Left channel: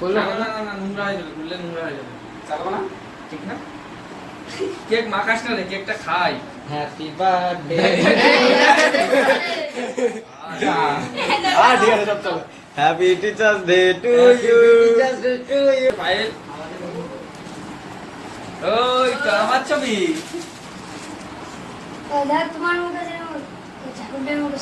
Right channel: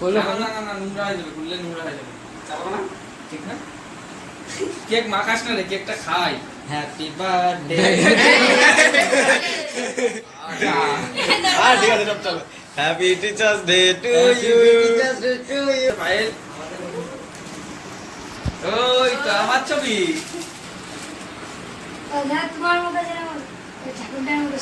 না না না না নোংরা হয়ে যাবে খুললে নোংরা হয়ে যাবে। চালাবো না? ঠিক না? কেক মাখাস না রে কেকটা খাই। হ্যাপি বার্থডে হ্যাঁ ঠিক আছে সব চলো। Happy teachers day to you Payel ওই তো আমার ছবি। তোমার মতো যেন ঠাকুরটার মতো।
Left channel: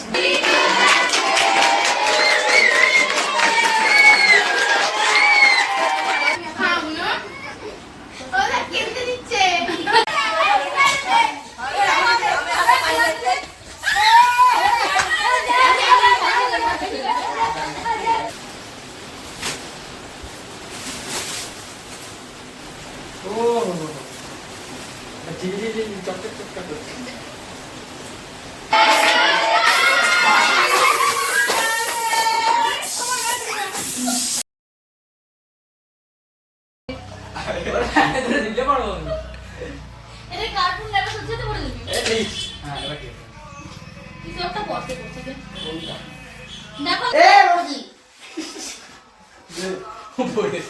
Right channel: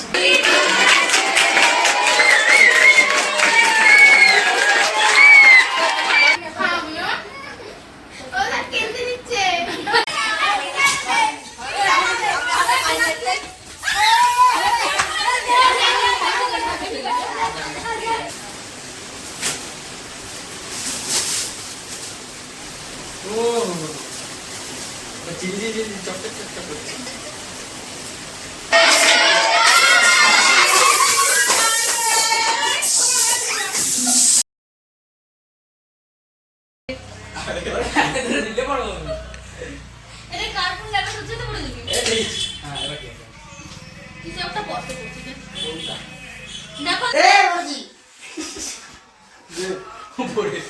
চিল চিল চকচক চকচক করছে দেখা। হচ্ছে তো বলে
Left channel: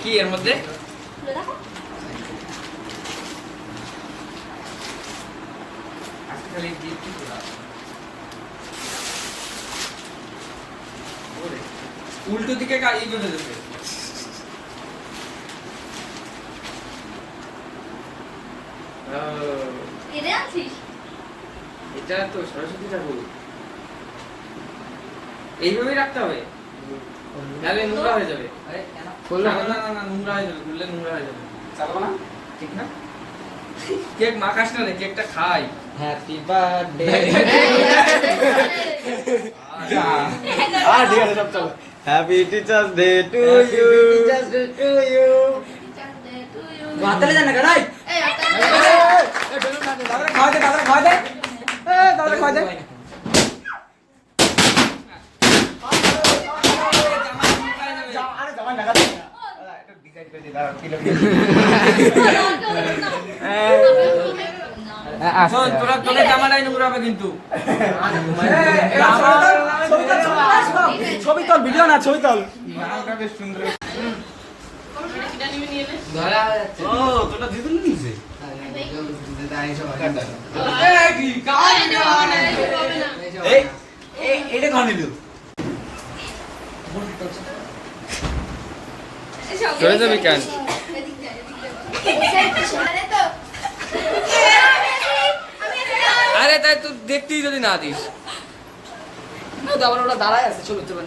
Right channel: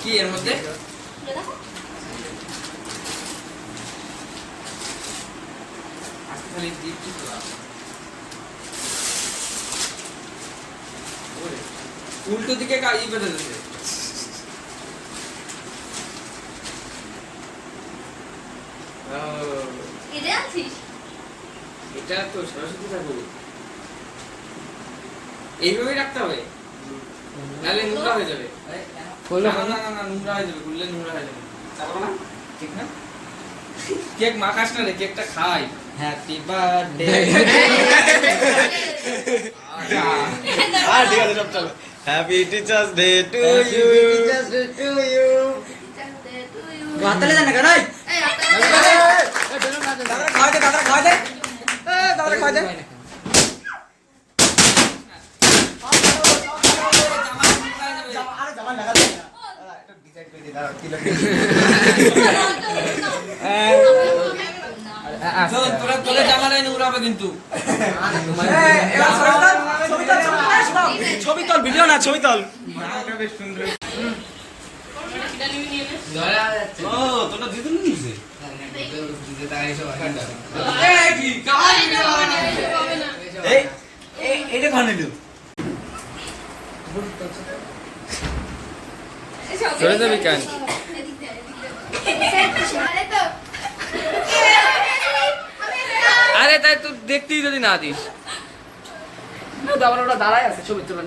কি এর মধ্যে? খালি কি কি করা? ওরে, উল্টো দিকে কা ই বেঁধে দেবে এটা তো সরস্বতী ঠাকুর। এইভাবেই রাখতে হবে। নাহলে নোংরা হয়ে যাবে। না না না না, না নোংরা হয়ে যাবে খুললে নোংরা হয়ে যাবে। চালাবো না? ঠিক না? কেক মাখাস না রে কেকটা খাই। হ্যাপি বার্থডে হ্যাঁ ঠিক আছে সব চলো happy teachers day to you to you এই হাতলে জানা কেন একটা খাওয়াতে দাদা খাওয়াতে এ দাদা খাওয়াতে আরে জামা লাগা দে একটু ডিসাইড করে দি দাঁড়াও কি লাগবে শোন তোরা তোদের জামাটাই নোংরা হবে কিন্তু। ছবি তল ভিডিও না ছবি তল। ও তোটা দিদুন নিছে এই এই এটা খানে দিও চলে যাবি কেন আরে তাই তুই দেখতেই যদি না দিস। দাঁড়ায় আছে ছবি তুলে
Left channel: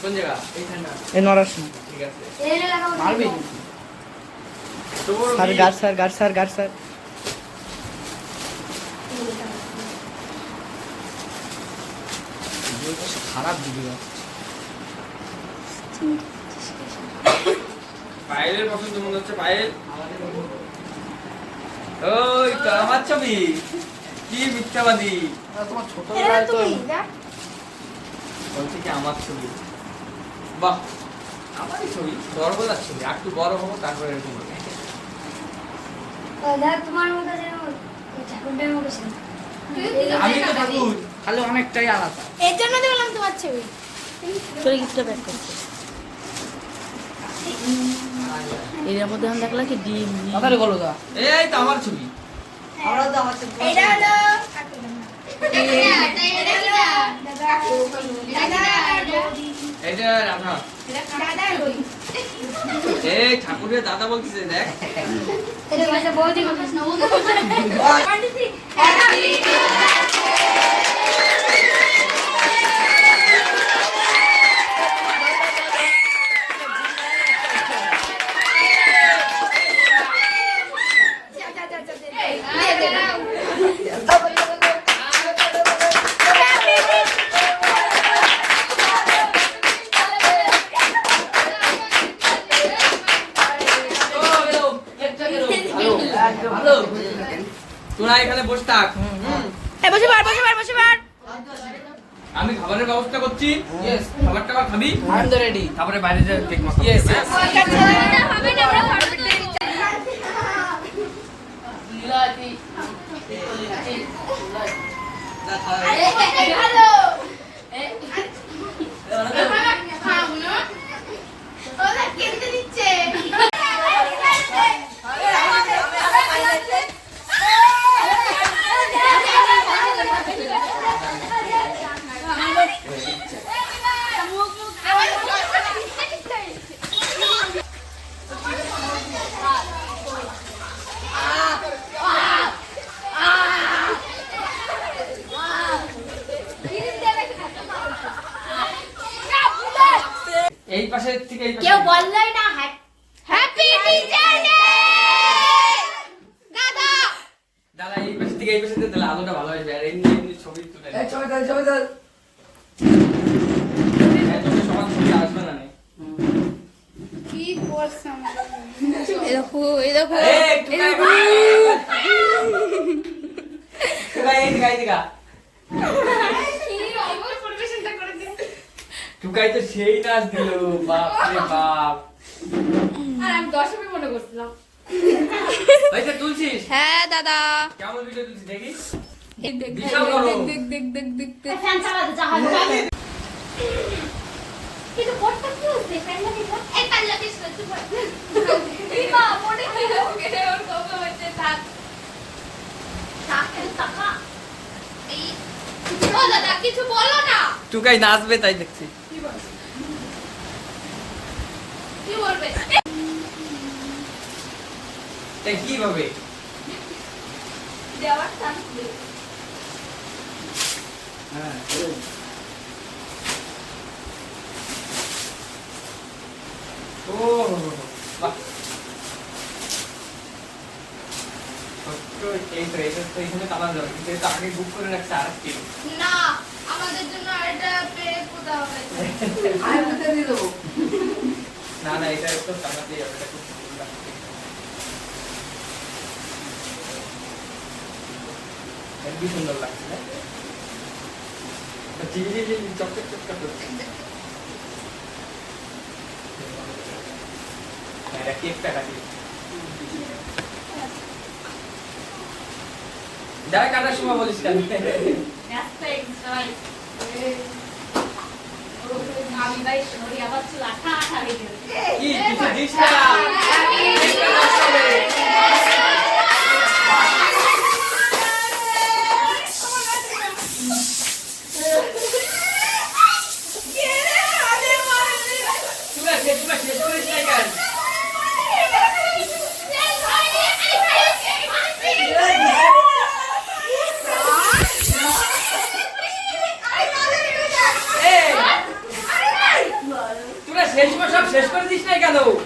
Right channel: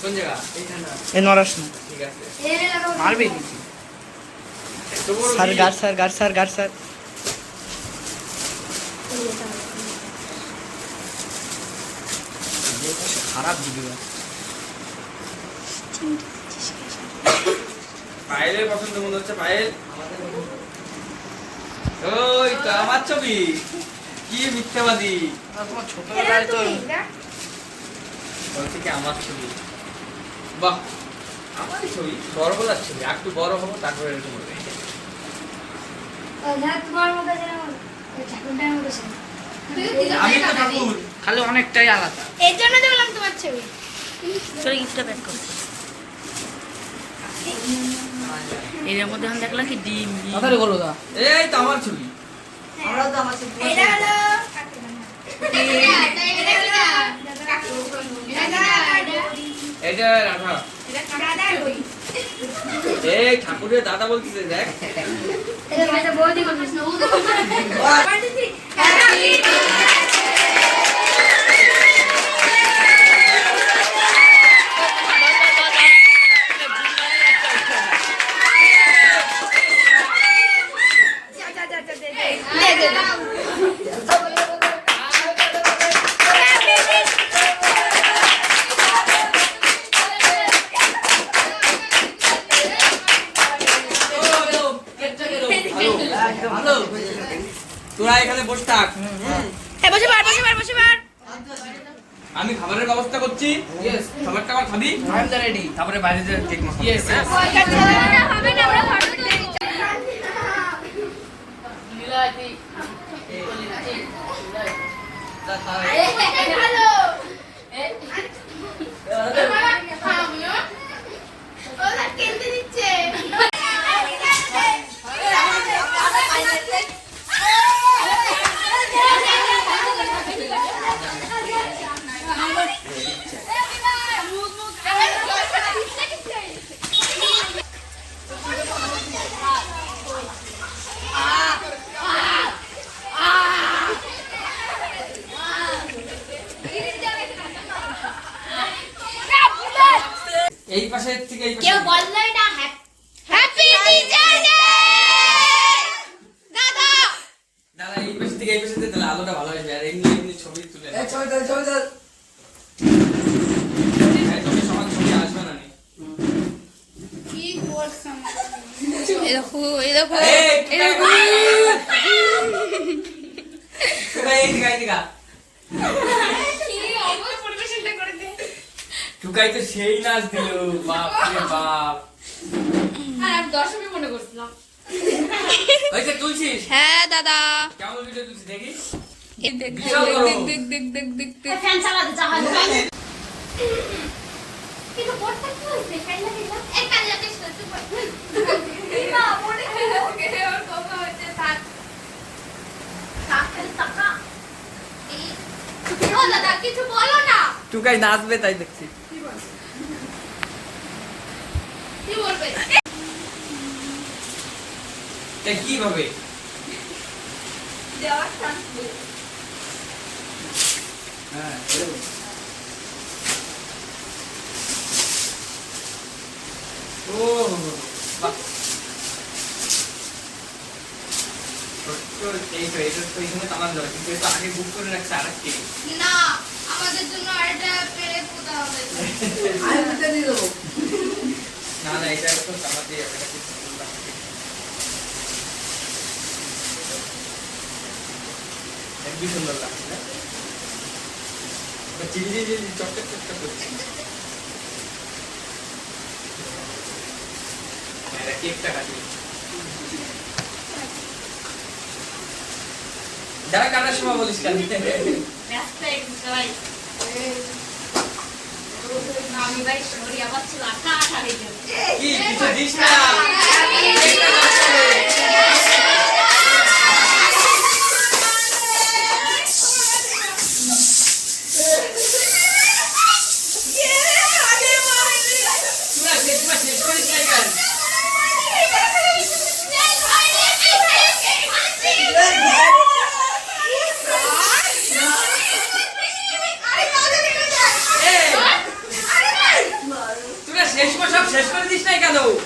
কোন জায়গা? এ নরাস না ঠিক আছে। মারবি? স্যার গার স্যার গার স্যার গার স্যার। খারাপ ভিডিও পায়েলের পছন্দ মনে হচ্ছে পায়েল। ওই তো আমার ছবি। কি মিথ্যাবাদী। তোমার ছোটবেলায় তো বলছে কি আমার ছবি। বাহ আমারই ছবি। সর্বদার ছবি আর একটু বড় হব তারপরে এরকম হবে। তোমার মতো যেন ঠাকুরটার মতো আমি তো ঠাকুর খালি অনেকটাই আলাদা এর জন্য তো বললাম তোমার ছবি চলে গিফটটা প্যাক করো এর মধ্যে আমি দেখলাম কি ডিম ডিম। বলো দা এই তো আমার ছবি এটা হলো এটা হলো দাদা দাদা এটা রাধা দাদা বই এই ঠাকুরের দাদা বলছিস দেখ। বৌদি তোরা এখানে বসে থাক। এ বসে বার বসে বার বসে বার আমি খাবারের ব্যবস্থা করছি। খাবার টাবার খাবি? আই এম রেডি তারপরে বাইরে যে কেক মাখা Yes, হ্যাঁ? পাশে থেকে এই পাশে কেউ বললাই না হ্যাপি টিচার ডে দাদা! দাদা এই পাশে থেকে এই পাশে দিয়ে তাহলে আলোটা ভালো আসবে আর এমনি এমনি ছবি তুলে এই ছবি সমান ছবি আসবে না নি। কি করছ এই দেখো এই দেখো এই, এই দেখো টুকা, এই দিকে, এই দিকে। কি অমর পরিবেশনটা করে দে টুকাই তো সেই নাচ দিল বাপ রে বাপ। আর আমি দশমী মনে করছিলাম। হয়েছে তুলছিস? হ্যাঁ দাদা। কেমন ভিডিও তুলছিস দেখি? টাকা। ও দাদা কিছু বলো না। টুকাই নাচবে তাই দেখছি। কি বলবে? কি তাই কীভাবে দেওয়ার হ্যাঁ ও বাহ সত্য, এই তো, এখানে যাবে, কিন্তু এটা আগে বুক করে রাখছে আরেকটি। না আমাদের জন্য এটা পেরে কোথা হবে আমি বুঝতে দিয়ে দেবো না, না, এটা একটু টানাতে যাবে, এটা খুব সুন্দর লাগছে। হেব্বি সুন্দর লাগছে, না? এটা ঝিলঝিল ঝিলঝিল, চকচক চকচক করছে। কেকটা কাটি। যারা কাটার সময় বলিস কেন? কি কিছু দিস ভাই সরি আবার চুল আঠা আঠা হয়ে গেল কি কিছু দিস না কেকটা নষ্ট হবে। তুই না শেষ তুই না শেষ করিস না কেন? এই, তুই না শেষ সময় সব শেষ